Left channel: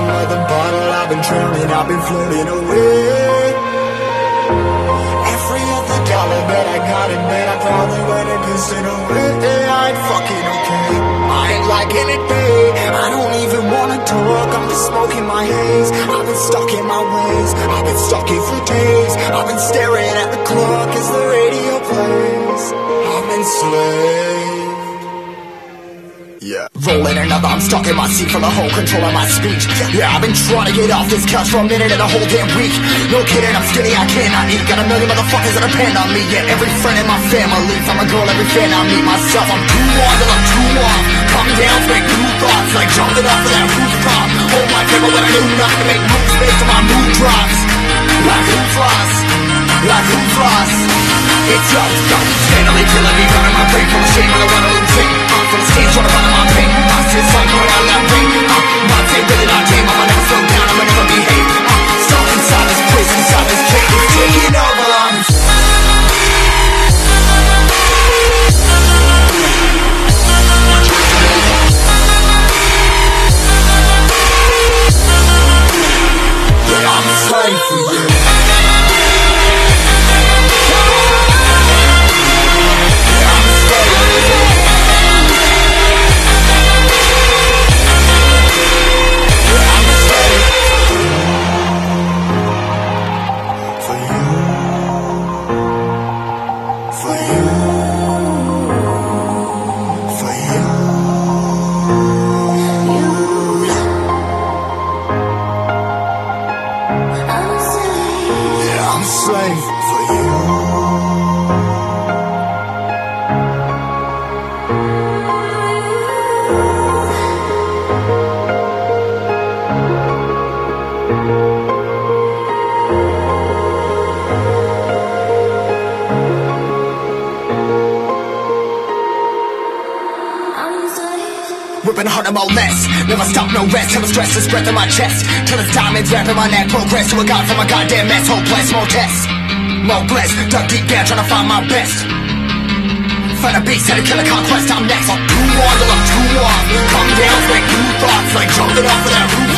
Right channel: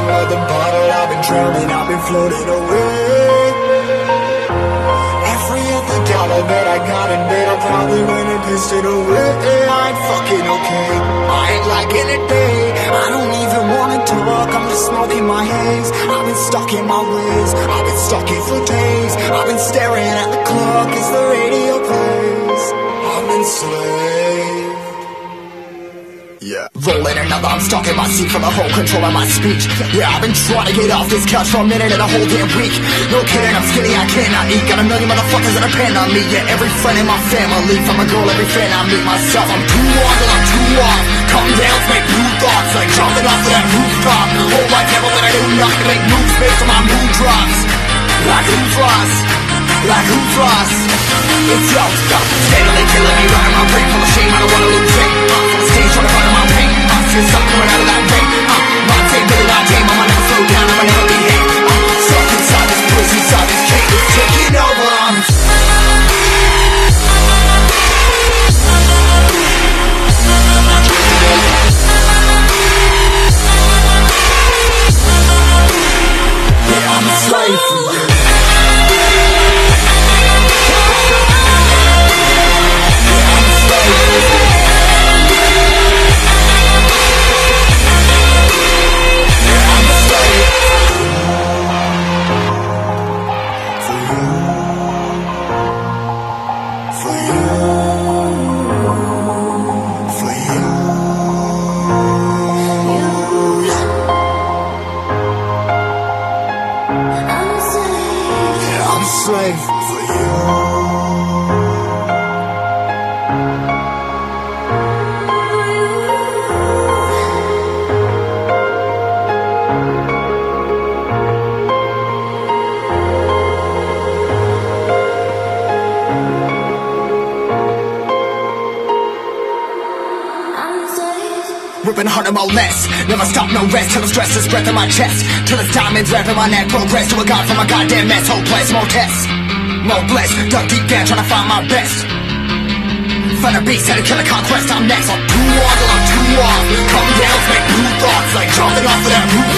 bottom of the bottle, I've been drowning, I've been floating away. Every other dollar that I got in bed, I probably went and pissed it away. I ain't fucking okay, I ain't liking it, babe. I don't even wanna talk, I'm just smoking my haze. I've been stuck in my ways, I've been stuck here for days. I've been staring at the clock as the radio plays. I'm enslaved. Yeah. Rolling another, I'm stuck in my seat for the whole control of my speech. Yeah, I've been trying to get off this couch for a minute and a whole damn week. No kidding, I'm skinny, I cannot eat. Got a million motherfuckers that depend on me. Yeah, every friend in my family, from a girl, every fan I meet myself. I'm too on till I'm too off. Come down, make new thoughts, like jumping off of that rooftop. Whole life never when I do not to make moves based on my mood drops. Like who's lost? Like who's lost? It's yo, steadily killing me, running my brain full of shame, I don't wanna lose it. Full of stage, trying to find my pain. See the sun coming out of that rain. My day really not tame, I'ma never slow down, I'ma never behave. Stuck inside this prison, inside this cage, it's taking over. Yeah, I'm a slave for you. I'm a slave for you. Ripping hard and more less. Never stop, no rest. Till the stress is breath in my chest. Till it's diamonds wrapping my neck. Progress to a god from a goddamn mess. Hopeless, more tests, more blessed. Dug deep down trying to find my best. Find a beast, had to kill a conquest. I'm next. I'm too on till I'm too off. Come down, make new thoughts, like jumping off of that roof.